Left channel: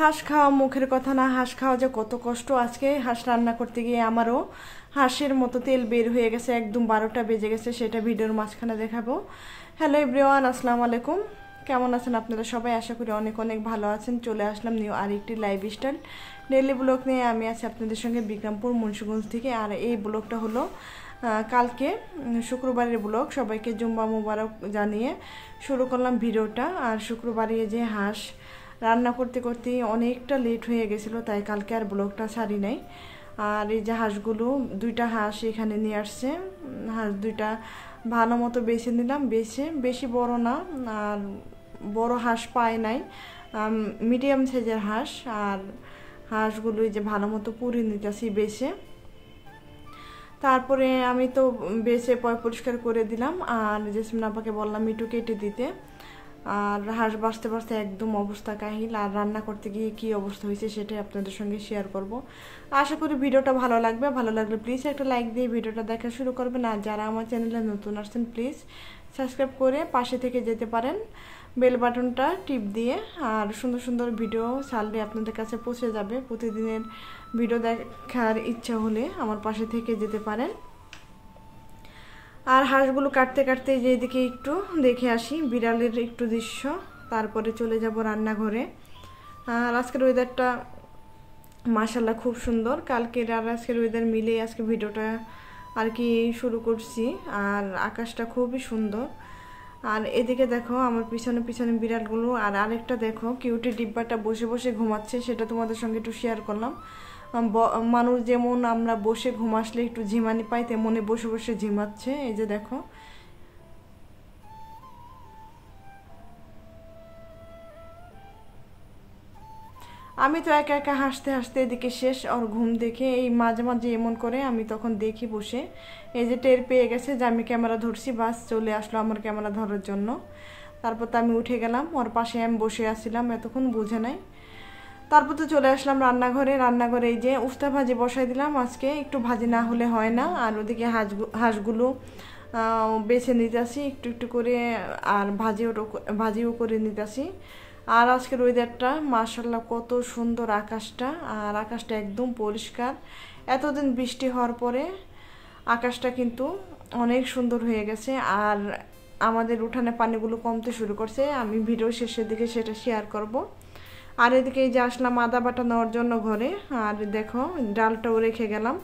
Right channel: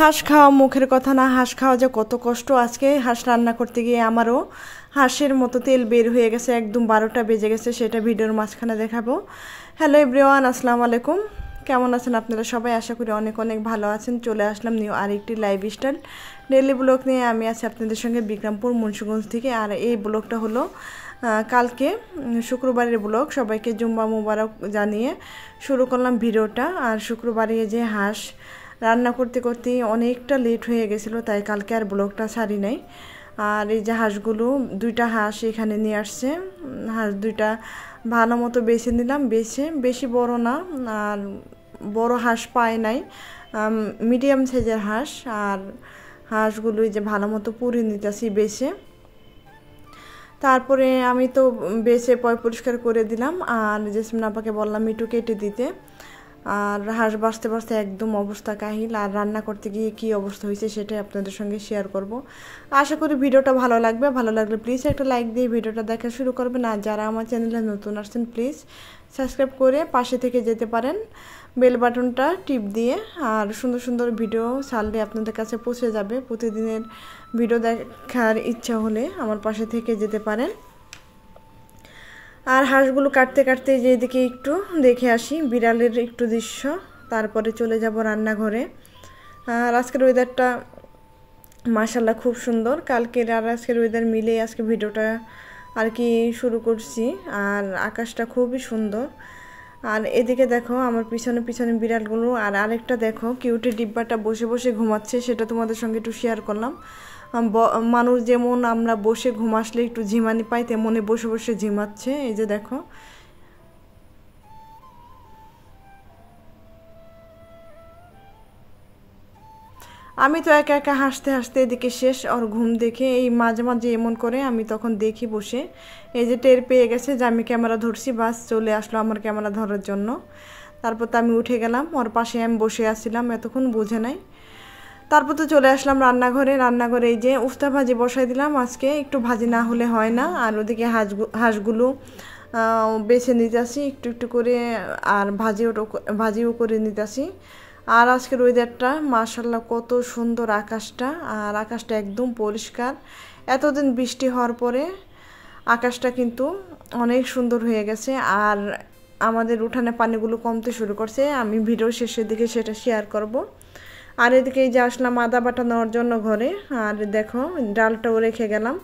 হাঁস খাওয়া মুখের কথা না, হাঁস খাওয়া যে কত কষ্ট। আজকে হাঁস রান্না করতে গিয়ে আমারও হাঁসের মতো তেল বের হয়ে গেছে, একদম 12টা বেজে গেছে। সেটা ভিডিওর মাঝখানে দেখাবো। হ্যালো এভরিওয়ান, আসসালামু আলাইকুম। কেমন আছেন আপনারা সবাই? আশা করি অনেক অনেক ভালো আছেন। চলে আসলাম নিউ আরেকটি লাইফস্টাইল ডেইলি ব্লগ নিয়ে। আমি আছি আপনাদের সঙ্গে বিক্রমপুর মুন্সিগঞ্জ থেকে। আর এই ব্লগটা হলো কালকে শুক্রবারের ব্লগ। সবাইকে জুম্মা মুবারক জানিয়ে শুরু করলাম ভিডিওটা। আর শুক্রবারে যে হাঁস রান্না করতে করতে অনেকটা লেট হয়ে গেছিলো, তাই কালকে আর ব্লগটা ছাড়ি নাই। আর এই যে হাঁসগুলো, দুইটা হাঁস এখানে নিয়ে আসছে। হাঁস দুইটা ভালো মতো বেছে নিলাম, বেশি বড় না, আর বড় হাঁস পায় নাই, মিডিয়াম সাইজের হাঁস। আর হাঁসগুলো যে ভালো মতো পুড়ে নিতেছি বেছে। তারপরে আমি তো বেছে পরিষ্কার করে দিলাম, আর জেসমিন আপাকে বললাম একটু কেটে দিতে। আর হাঁস বাঁচতে বাঁচতে একদম অবস্থা কাহিল। আর রান্না করতে গিয়ে কী অবস্থা হয়েছে সেটাই আপনাদের সঙ্গে শেয়ার করব। আশা করি ভিডিওটা ভালো লাগবে। ভালো লাগলে প্লিজ একটা লাইক দিয়ে ভিডিওটা দেখা শুরু করবেন। আর যারা আমার চ্যানেলে নতুন আসছেন প্লিজ সাবস্ক্রাইব করে পাশে থেকে যেতে পারেন, বেল বাটনটা টিপ দিয়ে। আর সুন্দর সুন্দর ভিডিও ছাড়লে আপনাদের কাছে পৌঁছে যাবে। প্রতিদিনের ভিডিও দেখার ইচ্ছা হলে আমার পাশে থেকে যেতে পারেন। আর হাঁসগুলো কাটতে কাটতে যেদিকে একটু দেখে আসি বিড়ালের একটু দৃশ্য, তারপরে চলে যাব রান্নাঘরে। আর আজকের ওয়েদারটা মাশাআল্লাহ খুব সুন্দর। কালকের আর আজকের ওয়েদার মিলে আজকে ভিডিওটা আর কি শুরু করছি। আর আকাশটা খুবই সুন্দর। আর এদিকে দেখো আমার পিছনে পিছনে বিড়ালগুলো। আর আরেকটা দেখো কিউটের ডিব্বাটা বসে বসে ঘুমাচ্ছে, সেটা তোমাদের সঙ্গে একটু শেয়ার করলাম। মানুষ যেমন আমরা বসে ঘুম আসলে একটু ঝিমানি পাই, তেমনই বসে বসে ঝিমাচ্ছে। এই যে দেখো, আমি তো একা একা হাসতে হাসতে এদিকে শেষ। আর ঘুম দেখে এই মাঝে মাঝে এমন করে, আমি তখন দেখি বসে। এই যে টের পেয়ে গেছে যে আমি ক্যামেরা ধরছি, বাস চলে আসলো আমার ক্যামেরা ধরার জন্য। তারপর তো আমি উঠে গেলাম, ওর পাশে আমি বসে আসছিলাম, এতক্ষণ বুঝে নাই। তারপর তো চলে আসলাম রান্নাঘরে এই যে উস্তা ভাজি বসাই দিলাম। আজকে একটু ভাজি না হলে হয় না। আর ওদিকে হাঁসগুলো বেছে নিতেছি একটু একটু করে, আর ভাজিও করে নিতেছি। আর আজকের ওয়েদারটা মাশাআল্লাহ কত সুন্দর আকাশটা। আর আকাশটা একদম পরিষ্কার। এতদিন বৃষ্টি হওয়ার পরে আকাশটা কিন্তু অনেক সুন্দর হয়ে গেছে। আর আমাদের উঠানে পানিগুলো কমতে শুরু করছে। আমি ভিডিও শেষের দিকে সেটা শেয়ার করব। আর এদিকে এই যে আসলাম আদা বাটা নেওয়ার জন্য ঘরে। আর দেখো ডালটাও রেখে গেলাম,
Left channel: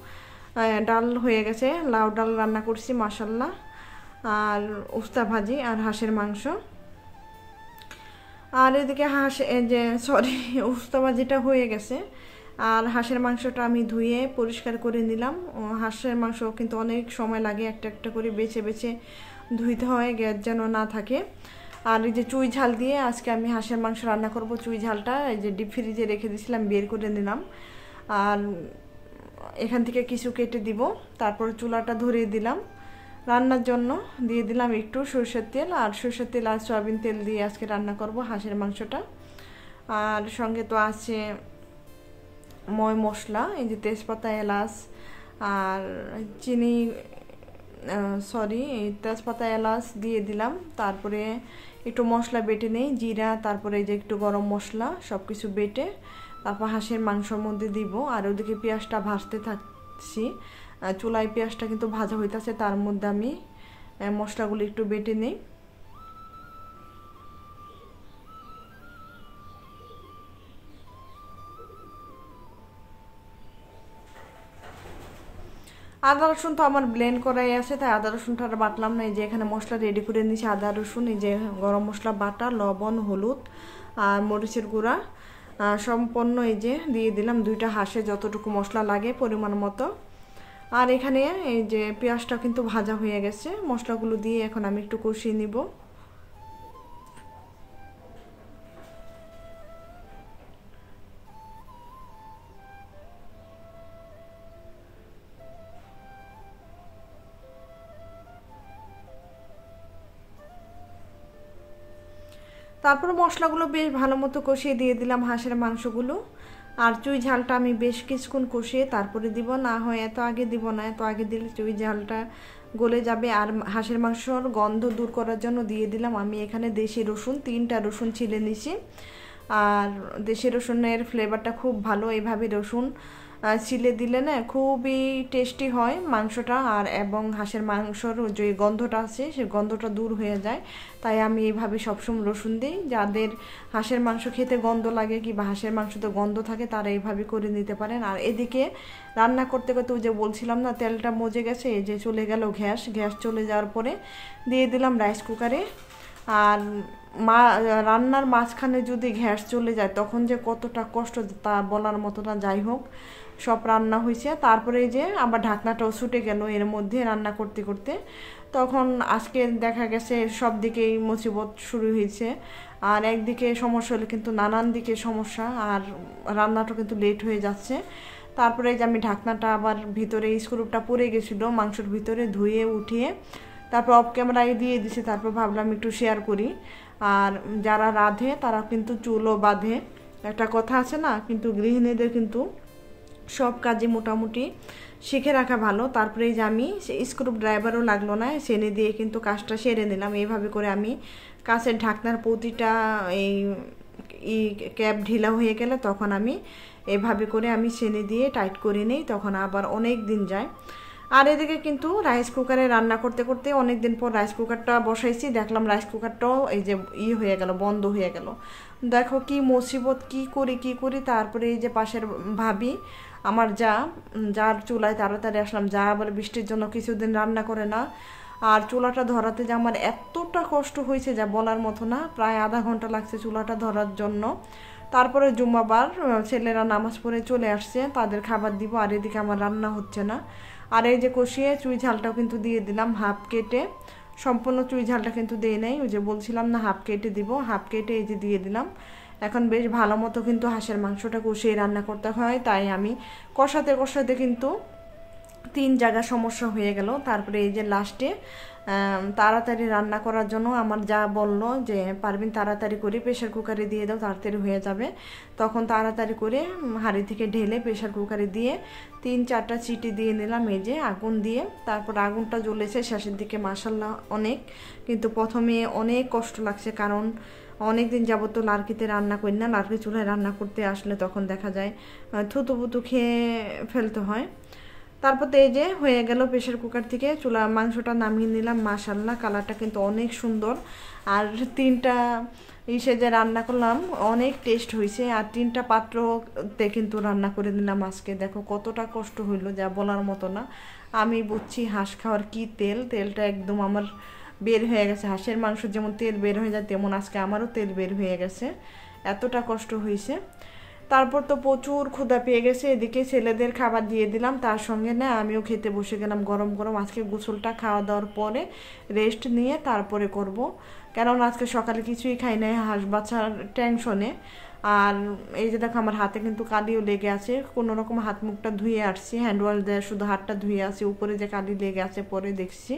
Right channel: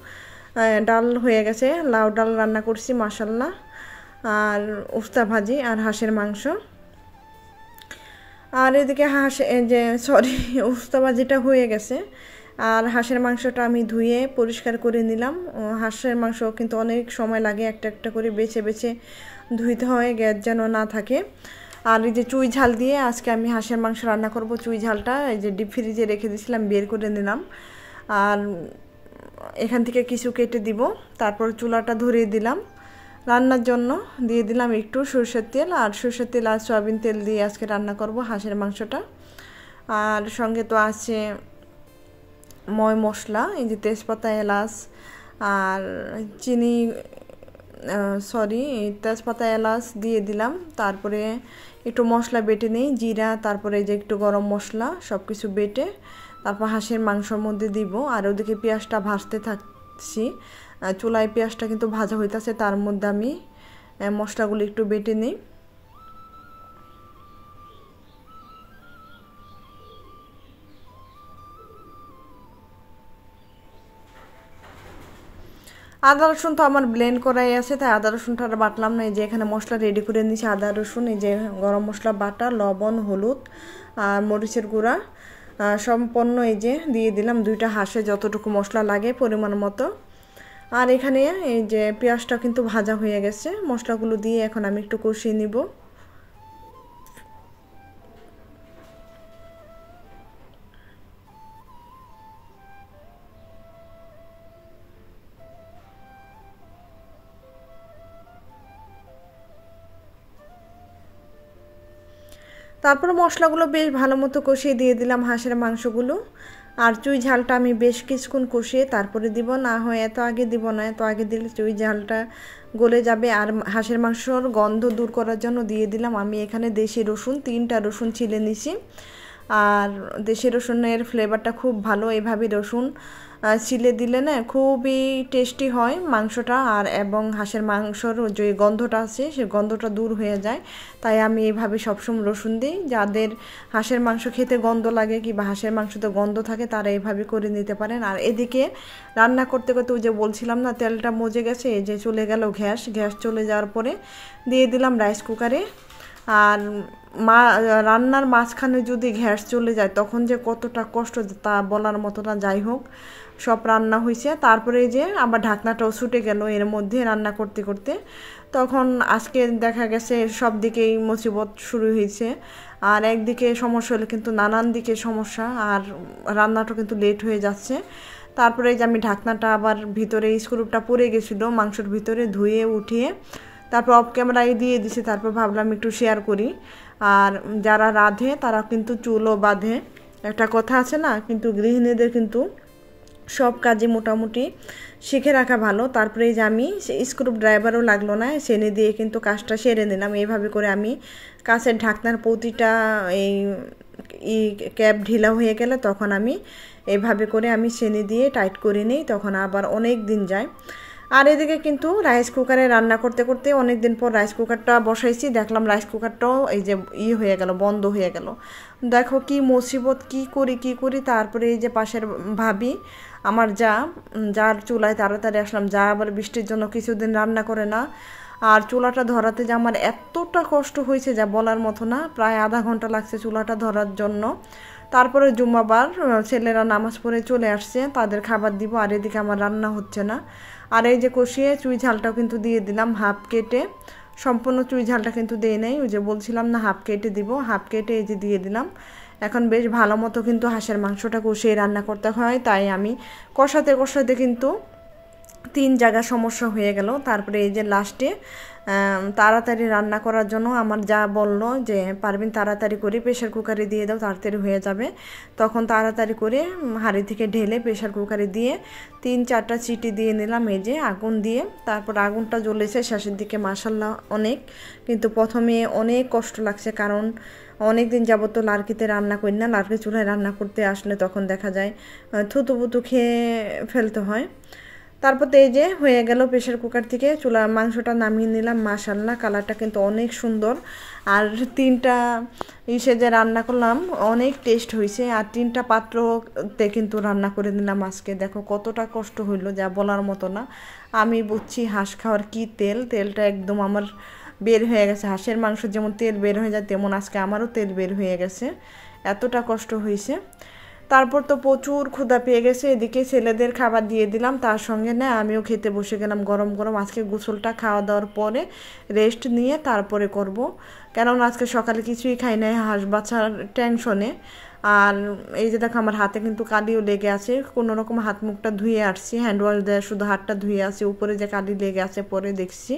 ডাল হয়ে গেছে, লাউ ডাল রান্না করছি মাশাআল্লাহ। আর উস্তা ভাজি আর হাঁসের মাংস। আর এদিকে উস্তা ভাজিটা হয়ে গেছে। আর হাঁসের মাংসটা আমি ধুয়ে পরিষ্কার করে নিলাম। হাঁসের মাংস কিন্তু অনেক সময় লাগে, একটা একটা করে বেছে বেছে ধুইতে হয়, গ্যাস যেন না থাকে। আর এই যে চুই ঝাল দিয়ে আজকে আমি হাঁসের মাংস রান্না করব। চুই ঝালটা এই যে ডিপ ফ্রিজে রেখে দিয়েছিলাম, বের করে নিলাম। আর এখান থেকে কিছু কেটে দিব। তারপর চুলাটা ধরিয়ে দিলাম, রান্নার জন্য দিয়ে দিলাম একটু সরষের তেল। আর সরষের তেল আর সয়াবিন তেল দিয়ে আজকে রান্না করব হাঁসের মাংসটা। আর সঙ্গে তো আছে ময় মশলা, এই যে তেজপাতা, এলাচ আর চিনি, তেজপাতা এলাচ দিয়ে দিলাম। তারপরে একটু মশলা বেটে নিই, জিরা, তারপরে এই যে একটু গরম মশলা, সব কিছু বেটে তারপর হাঁসের মাংসর মধ্যে দিব। আর ওদিকে পেঁয়াজটা ভাজতে থাকছি, চুলায় পেঁয়াজটা কিন্তু ভাজা হইতেছে, তার মধ্যে আমি মশলাগুলো একটু বেটে নিই। আদা রসুন তো আমার ব্লেন্ড করাই আছে, তাই আদা রসুনটা আর বাটলাম না। এই যে এখানে মশলা রেডি করে নিয়েছি, আদা রসুন, এই যে গরম মশলা বাটা, লবণ, হলুদ আর মরিচের গুঁড়া সম্পন্ন এই যে দিয়ে দিলাম। দুইটা হাঁসে যতটুকু মশলা লাগে পরিমাণ মতো। আর এখানে এই যে পেঁয়াজটা কিন্তু ভাজা হয়ে গেছে, মশলাগুলো দিয়ে এখন আমি একটু কষিয়ে নিব। তারপর মশলাগুলো বেশ ভালো মতো কষিয়ে দিয়ে দিলাম হাঁসের মাংসগুলো। আর চুই ঝালটা আমি বেশ কিছুক্ষণ কষিয়ে তারপরে দিব, না হয় এত আগে দিব না, এত আগে দিলে চুই ঝালটা গলে যাবে। আর হাঁসের মাংসর গন্ধ দূর করার জন্য দিয়ে দিলাম আমি এখানে দেশি রসুন, 3টা রসুন ছিলে নিছি। আর দেশি রসুনের ফ্লেভারটা খুব ভালো। এইভাবে রসুন ছিলে দিলে না খুবই টেস্টি হয় মাংসটা, আর এবং হাঁসের মাংসর যে গন্ধটা আছে সেই গন্ধটা দূর হয়ে যায়। তাই আমি এইভাবে সবসময় রসুন দিই। যাদের হাঁসের মাংস খেতে গন্ধ লাগে কিংবা হাঁসের মাংসতে গন্ধ থাকে তারা এইভাবে করে নিতে পারেন। আর এদিকে রান্না করতে করতে ওই যে বলছিলাম না তেলটা মজে গেছে, এই যে চলে গেল গ্যাস চলে যাওয়ার পরে দিয়ে দিলাম রাইস কুকারে। আর রান্নার মাঝখানে যদি গ্যাস চলে যায় তখন যে কতটা কষ্ট তা বলার মতো না। যাই হোক, সব রান্না হয়েছে। তারপরে এই যে আবার ঢাকনাটাও ছুটে গেল এর মধ্যে রান্না করতে করতে। তখন আজকে দেখা গেছে সব দিকেই মুসিবত শুরু হয়েছে। আর একদিকে সমস্যা হলে কিন্তু নানান দিকে সমস্যা, আর রান্নাটা কিন্তু লেট হয়ে যাচ্ছে। তারপরে যে আমি ঢাকনাটা আবার ভিতরে স্ক্রুটা পড়ে গেছিলো মাংসের ভিতরে, ধুয়ে উঠিয়ে তারপর অফ ক্যামেরায় দিয়ে দিছি। তারপর ভাবলাম একটু শেয়ার করি। আর যারা রাঁধে তারা কিন্তু চুলও বাঁধে, একটা কথা আছে না, কিন্তু গৃহিণীদের কিন্তু সব কাজে মোটামুটি শিখে রাখা ভালো। তারপরে যে আমি স্ক্রু ড্রাইভারও লাগলো না, সেনে দিয়ে কিন্তু কাজটা সেরে নিলাম। এইভাবে করে আমি কাছের ঢাকনার প্রতিটা এই ক্যাপ ঢিলা হয়ে গেলে তখন আমি এইভাবে করে আমি সেনে দিয়ে টাইট করে নিই, তখন আবার অনেক দিন যায়। আর এদিকে কিন্তু রাইস কুকারে রান্না করতে করতে অনেক দিন পর রাইস কুকারটা বসাইছি, দেখলাম রাইস কুকারটাও এই যে হয়ে গেল, বন্ধ হয়ে গেল। দেখো কি মুসিবত, কি করি। তারপরে এই যে পাশের ভাবি আমার যার চুলায় তাড়াতাড়ি আসলাম, যা আবার বৃষ্টির জন্য কিছুদিন রান্না করে না। আর চুলাটা ধরাতে যে আমার এতটা কষ্ট হয়েছে যা বলার মতো না, প্রায় আধা ঘন্টা লাগছে চুলাটা ধরার জন্য। তারপরে জুম্মাবার ছেলেরা নামাজ পড়ে চলে আসছে, তাদের খাবার দিব। আর এদিকে আমার রান্না হচ্ছে না। আর এই যে কষিয়ে চুই ঝালটাও কিন্তু দিয়ে দিলাম হাফ কেটে, সম্পূর্ণ চুই ঝালটা কিন্তু দিয়ে নেই, ওই যে বলছিলাম না হাফ কেটে দিব, হাফ কেটে এই যে দিয়ে দিলাম। এখন বেশ ভালো মতো কিন্তু হাঁসের মাংসটা কষিয়ে রান্না করতে হয়, তাই আমি কষাতে কিন্তু 3 জায়গা সমস্যা হয়ে গেল। তারপরে এই যে লাস্টে তাড়াতাড়ি রান্না করার জন্য আমার যা বললো যে পারবেন তাড়াতাড়ি করে প্রেশার কুকারে দিয়ে দাও, তাড়াতাড়ি হয়ে যাবে। তখন তাড়াতাড়ি করে হাঁড়ি থেকে ঢেলে প্রেশার কুকারে দিয়ে 3-4টা চিটি দিয়ে নিলাম, এই যে আগুন দিয়ে। তারপর আগুনটা জ্বলেছে শেষের দিকে মাশাআল্লাহ অনেক, কিন্তু প্রথমে অনেক কষ্ট লাগছে, কারণ অনেক দিন যাবত তো লার্কিতে রান্না করি না। লার্কি চুলায় রান্না করতে আসলে তখন দেখা যায় থুতুপুতু খেয়ে ফেলতে হয়। তারপর তো এই যে হয়ে গেল প্রেশার কুকার থেকে চুলা মাংসটা নামিয়ে নিলাম। মাশাআল্লাহ কালারটা কিন্তু অনেক সুন্দর। আর 3টা যে রান্না করলাম অনেক টেস্ট হয়েছে। আর 3টা পাত্রতে কিন্তু রান্না করে দিলাম আজকে। দেখো কতটা কষ্ট হইলো যা বলার মতো না। আমি বুঝছি হাঁস খাওয়ার কি তেলটা একদম আমার বের হয়ে গেছে। হাঁসের মাংস যেমন তেল বের হয়ে যায় তেমন আজকে আমারও তেল বের হয়ে গেছে, এতটা কষ্ট হয়েছে। তারপর তো প্রচুর ক্ষুধা পেয়ে গেছে, এদিকে ছেলেদের খাবার দিয়ে দিলাম, তার সঙ্গে না আমিও খেতে বসে গেলাম গরম গরম। আজকে গোসলটা খাওয়া দাওয়ার পরে রেস্ট নিয়ে তারপরে করব, কেননা আজকে সকালে কিছুই খাই নাই হাঁস বাচ্চার টেনশনে। আর এই যে দেখো আমার হাতে কিন্তু কালিও লেগে আছে, কোনো রকম হাত মুখটা ধুয়ে আসছি, হ্যান্ড ওয়াশ দিয়ে শুধু হাতটা ধুয়ে আছে, উপরে যে কালি লেগে আছে পরে দেখছি।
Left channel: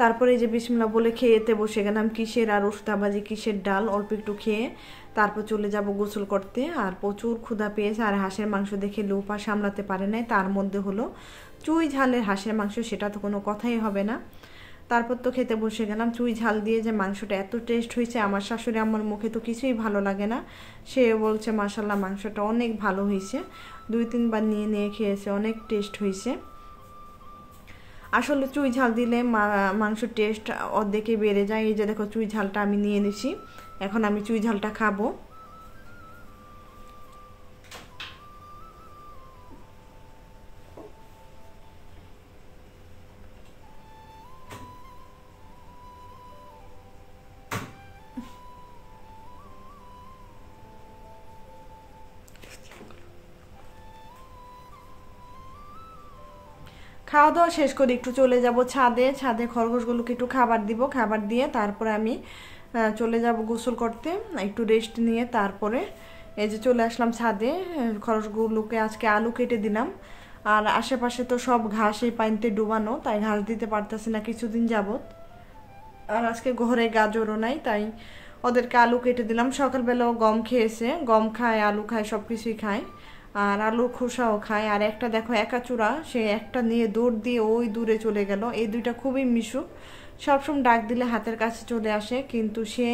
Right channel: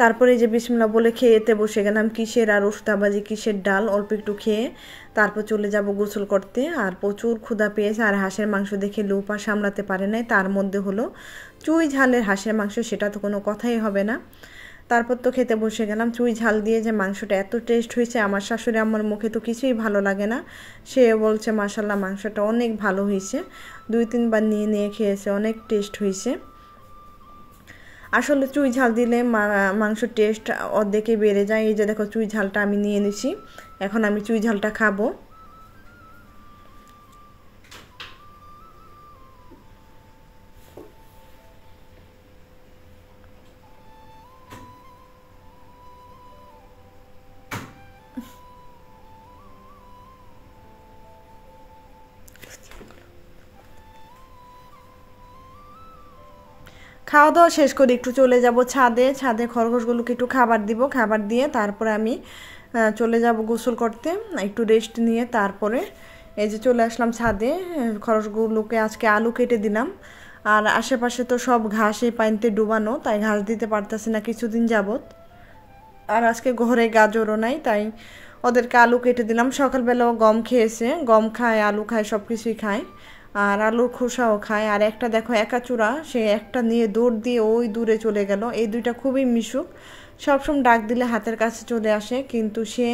তারপরে যে বিসমিল্লাহ বলে খেয়েতে বসে গেলাম, কিসের আর উস্তাবাজি কিসের ডাল, অল্প একটু খেয়ে তারপর চলে যাব গোসল করতে। আর প্রচুর ক্ষুধা পেয়েছে, আর হাঁসের মাংস দেখে লোপা সামলাতে পারে নাই, তার মধ্যে হলো চুই ঝালের হাঁসের মাংস, সেটা তো কোনো কথাই হবে না। তারপর তো খেতে বসে গেলাম। চুই ঝাল দিয়ে যে মাংসটা এত টেস্ট হয়েছে, আমার শাশুড়ি আমার মুখে তো কিছুই ভালো লাগে না, সে বলছে মাশাআল্লাহ মাংসটা অনেক ভালো হয়েছে। 2-3 বার নিয়ে খেয়েছে, অনেক টেস্ট হয়েছে। আসলে চুই ঝাল দিলে মাংস টেস্ট অর্ধেকে বেড়ে যায়। এই যে দেখো চুই ঝালটা আমি নিয়ে নিছি, এখন আমি চুই ঝালটা খাবো। খাওয়া দাওয়া শেষ করে একটু চলে যাব ছাদে খরগোশগুলোকে একটু খাবার দিব, খাবার দিয়ে তারপরে আমি চলে যাব গোসল করতে, একটু রেস্ট নিয়ে। তারপরে এই যে চলে আসলাম ছাদে, খরগোশগুলোকে আজকে আলু কেটে দিলাম। আর আশেপাশে তো সব ঘাসে পানিতে ডুবানো, তাই ঘাস দিতে পারতেছি না কিছুদিন যাবত। আর আজকে ঘরে গাজরও নাই, তাই ওদেরকে আলু কেটে দিলাম। সকালবেলাও গম খেয়েছে, গম খায়, আলু খায়, সব কিছুই খায়, আর আলুর খোসাও খায়। আর একটা দেখো একাচূড়া, সে একটা নিয়ে দৌড় দিয়ে ওই দূরে চলে গেল। এই দুইটা খুবই মিশুক, সবসময় ডাক দিলে হাতের কাছে চলে আসে, কিন্তু সে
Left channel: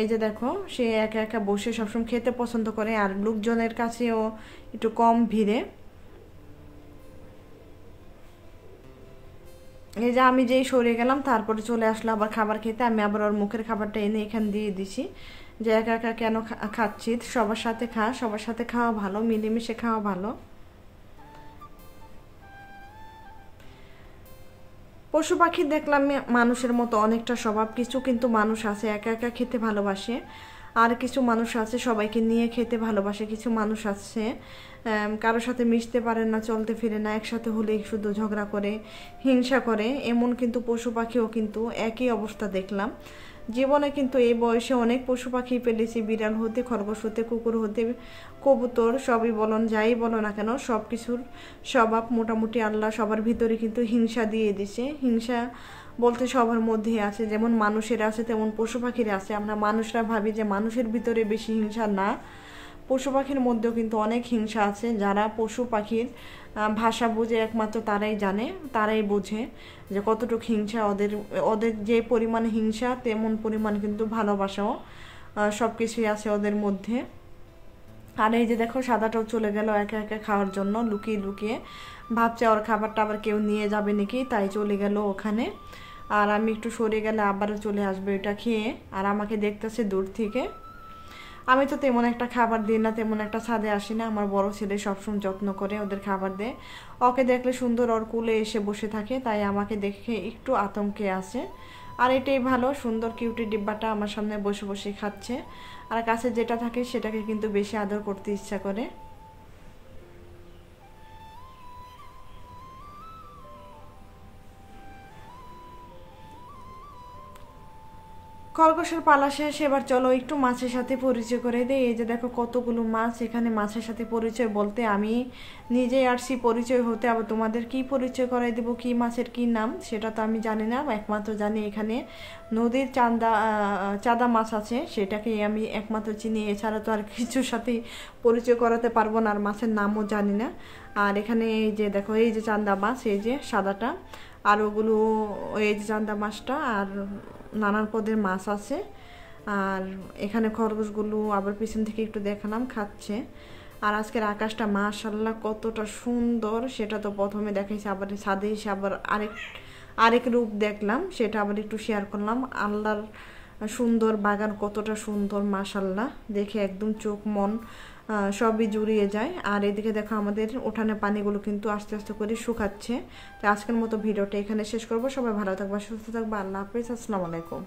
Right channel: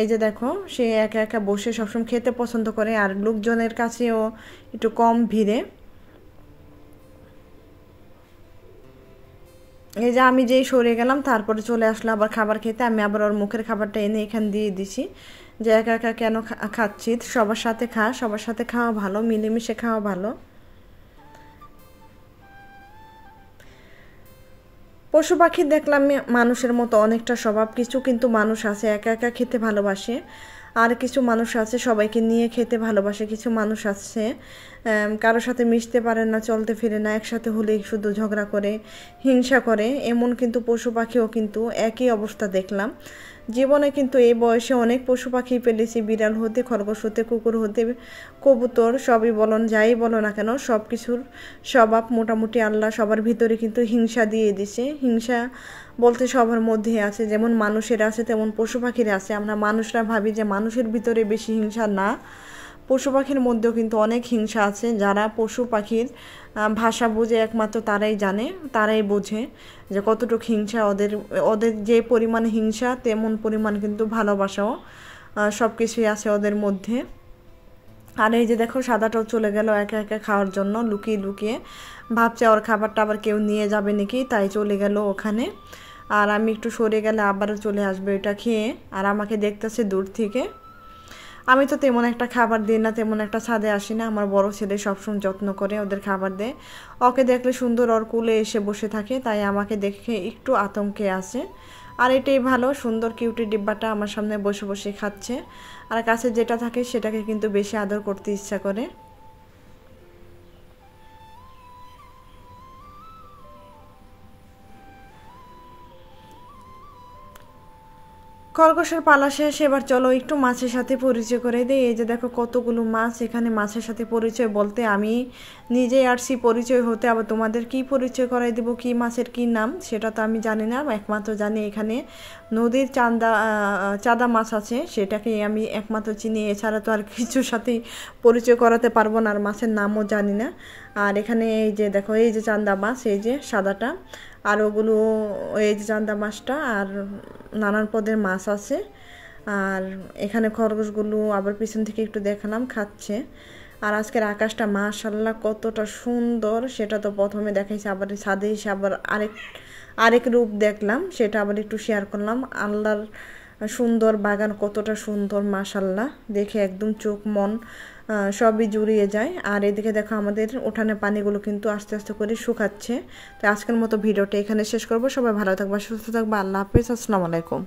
এই যে দেখো সে একা একা বসে সবসময় খেতে পছন্দ করে, আর লোকজনের কাছেও একটু কম ভিড়ে। এই যে আমি যেই সরে গেলাম তারপরে চলে আসলো আবার খাবার খেতে। আমি আবার ওর মুখের খাবারটা এনে এখানে দিয়ে দিছি, যে একা একা কেন খাচ্ছি, সবার সাথে খা, সবার সাথে খাওয়া ভালো, মিলেমিশে খাওয়া ভালো। পশু পাখি দেখলাম মানুষের মতো অনেকটা স্বভাব, কিছু কিন্তু মানুষ আছে একা একা খেতে ভালোবাসে, আর কিছু মানুষ আছে সবাইকে নিয়ে খেতে ভালোবাসে, কিছু মানুষ আছে কারোর সাথে মিশতে পারে না, চলতে ফিরে না, একসাথে হলেই শুধু ঝগড়া করে, হিংসা করে। এমন কিন্তু পশু পাখিও কিন্তু একই অবস্থা দেখলাম জীবনে। কিন্তু এই বয়সে অনেক পশু পাখি পেলেছি, বিড়াল হতে, খরগোশ হতে, কুকুর হতে, কবুতর, সবই বলুন, যাই বলো না কেন, সব কিছুর স্বভাব মোটামুটি আল্লাহ সবার ভিতরে কিন্তু হিংসা দিয়ে দিছে। হিংসা বলতে সবার মধ্যে আছে, যেমন মানুষের আছে তেমন পশু পাখির আছে। আমরা মানুষরা ভাবি যে মানুষের ভিতরে বেশি হিংসা, না, পশু পাখির মধ্যেও কিন্তু অনেক হিংসা আছে। যারা পশু পাখির ভাষা বোঝে একমাত্র তারাই জানে, তারাই বোঝে যে কতটুকু হিংসা ওদের। ওদের যে পরিমাণে হিংসা তেমন পরিমাণ কিন্তু ভালোবাসাও, সব কিছুই আছে ওদের মধ্যে। আর এই যে দেখো সাদাটাও চলে গেল একা একা খাওয়ার জন্য, লুকিয়ে লুকিয়ে ভাবছে ওর খাবারটা আবার কেউ নিয়ে যাবে নাকি, তাই চলে গেল ওখানে। আর আমি একটু সরে গেলে আবারও চলে আসবে এটা খেয়ে, আর আমাকে দেখতেছে দূর থেকে। আমি তো তেমন একটা খাবার দিই না, তেমন একটা ছাদে আসি না। আমার বড় ছেলে সবসময় যত্ন করে ওদের খাবার দেয়, ওকে দেখলে সুন্দর ওর কোলে এসে বসে থাকে, তাই আমাকে দেখে একটু আতঙ্কে আছে। আর এটাই ভালো, সুন্দর কিউটি ডিব্বাটা আমার সামনে বসে বসে খাচ্ছে, আর কাছে যেটা থাকে সেটাকে কিন্তু বেশি আদর করতে ইচ্ছা করে। খরগোশের পালা শেষ, এবার চলো একটু মাছের সাথে পরিচয় করে দিই। এই যে দেখো কতগুলো মাছ এখানে। মাছের সাথে পরিচয় বলতে আমি নিজেই আসছি পরিচয় হতে, আবার তোমাদের কি পরিচয় করাই দেবো, কি মাছের কি নাম সেটা তো আমি জানি না। একমাত্র জানি এখানে নদীর চাঁদা মাছ আছে, সেটাকে আমি একমাত্র চিনি, এছাড়া তো আর কিছুর সাথে পরিচয় করাতে পারবো না, আর মাছের নামও জানি না। আর এখানে এই যে দেখো এই যে চান্দা মাছ, এই যে সাদাটা, আর ওগুলো এই যে চান্দা মাছটা, আর নানান পদের মাছ আছে। আর এখানে খরগোশগুলো আবার পিছন থেকে একটু দেখালাম খাচ্ছে। আর আজকের আকাশটা মাশাআল্লাহ কতটা সুন্দর সেটা তো প্রথমে দেখাইছে, আবার ছাদে এসে আবার আরেক রূপ দেখলাম, সেটা আবার একটু শেয়ার করলাম। আল্লাহর সুন্দর বাগান কতটা সুন্দর মাশাআল্লাহ, দেখে একদম চোখ মন সবই জুড়িয়ে যায়। আর এদিকে দেখো আমাদের উঠানে পানিগুলো কিন্তু আস্তে আস্তে করে শুকাচ্ছে। তো আজকের মতো ভিডিওটা এখানে শেষ করবো। সবাই ভালো থাকবা, সুস্থ থাকবা, আল্লাহ হাফেজ, আসসালামু আলাইকুম।